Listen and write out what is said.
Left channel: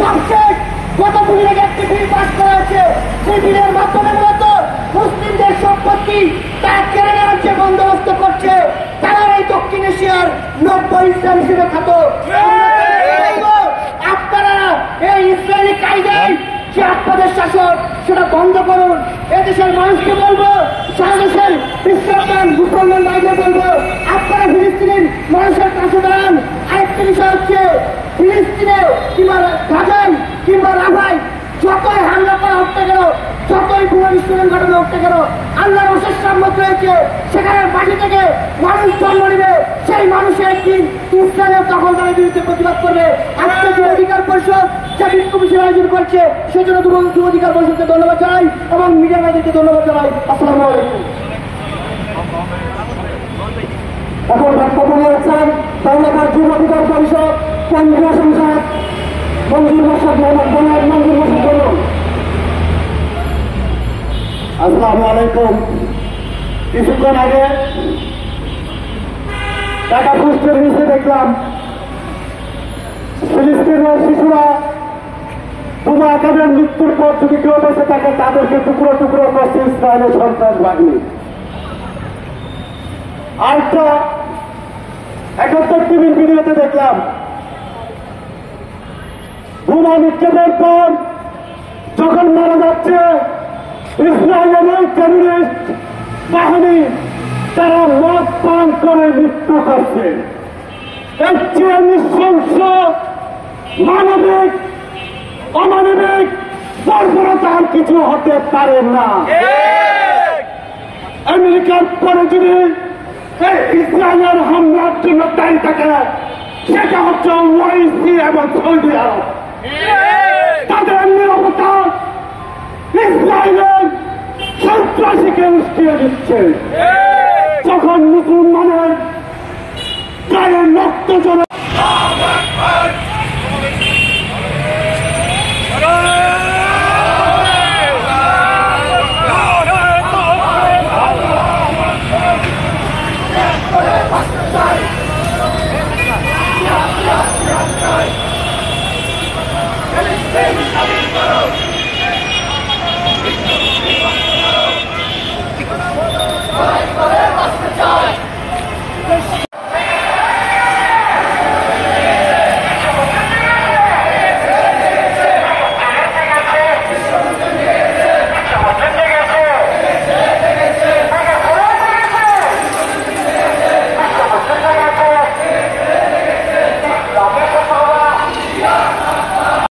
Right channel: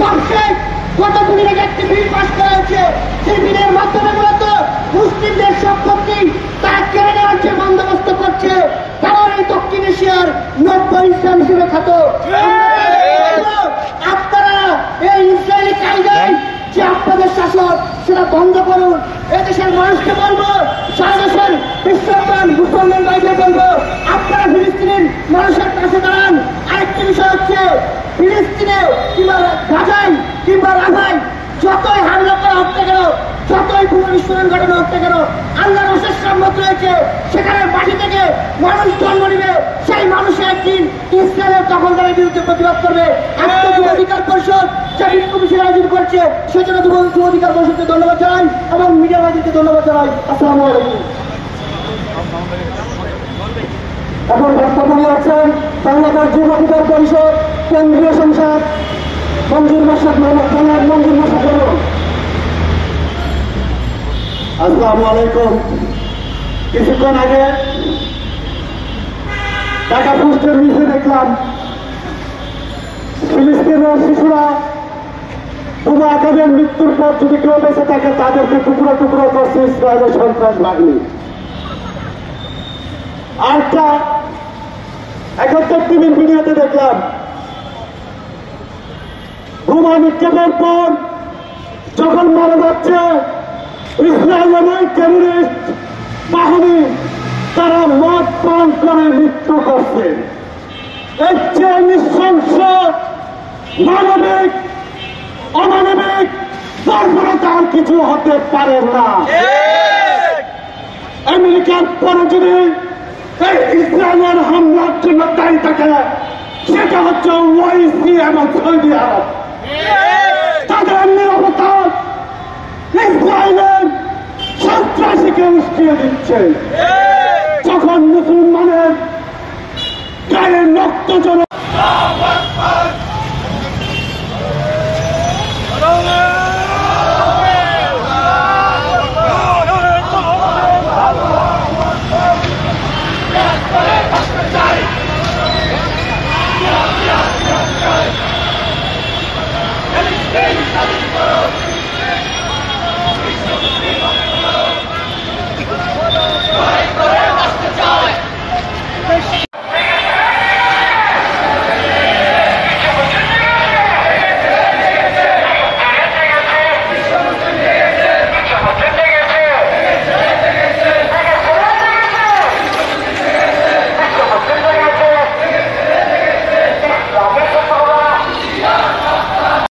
সবশেষ গত 2 দিন একটি বিল পাস করা হয়েছে। সেই বিলের মাধ্যমে মূলত মুসলিমদের সম্পত্তি তারা কেড়ে নেওয়ার যে বন্দোবস্ত করছে, কারণ এই দক্ষিণ এশিয়ার 90 ইসলাম হিসেবে খ্যাত। আপনারা এই ইসরায়েলি কায়দায় যে আপনাদের শাসন সেটা বন্ধ করুন। এদেশের মানুষকে বলবো, সারা দেশের খ্রিস্টান মুসলমান ভাইদের বলবো, আপনারা ফিলিস্তিনের মানুষের পাশে দাঁড়ান। আরেকটা বিষয় হচ্ছে, ফিলিস্তিনে কিংবা গাজায় কিংবা রাফায় যতই হামলা করা হতে গেল, যতই পুনর্বিস্ফোরণ ঘটনা হতে গেল, আল্লাহর অশেষ রহমত রয়েছে। সেখানে মাটি থেকে মানুষ জন্ম নেবে, সেই মানুষের একদিন ইসরায়েলের দখলদারের বিরুদ্ধে প্রতিবাদ করবে। আজকে যুব অধিকার পরিষদ যা বিক্ষোভ মিছিল আয়োজন করছে, সেজন্য যুব অধিকার পরিষদকে ধন্যবাদ জানাই এবং মিডিয়া ভাইদেরকে ধন্যবাদ জানাই। আসসালামু আলাইকুম। এখন বক্তব্য নিয়েছেন বাংলাদেশ যুব অধিকার পরিষদ কেন্দ্রীয় সংসদ মঞ্জুর মোর্শেদ মঞ্জুর মোর্শেদ বলুন। আসসালামু আলাইকুম। কিছুক্ষণ আগে টাকা পোস্টের নিচে দেখলাম ফিলিস্তিনের শিশুরা বোমা আঘাতের মৃত্যুর পর যদি কেউ বেঁচে থাকে তাদেরকে টুকরো টুকরো করছে ইসরায়েলের সন্ত্রাস বাহিনী। আরেকটা 71 টিভির ভিডিওতে দেখলাম বোমা নিক্ষেপের পর যখন মারা যাচ্ছে ইসরায়েলের টেররিস্ট বাহিনী, তারা মদ পান করে মৃত্যু করছে। এর চেয়ে নৃশংস মানবিক অমানবিক বর্বরতা আর কিছু হতে পারে না। আমেরিকার পরে যদি এই ইসরায়েলের হামলার জন্য দায়ী থাকে, সেটা হচ্ছে ওআইসি এবং সৌদি আরব। তাদের নিরাপত্তা ইসরায়েলের সন্ত্রাসীকে উস্কিয়ে দিচ্ছে। যখন মুসলমানের গায়ে রক্ত জড়ে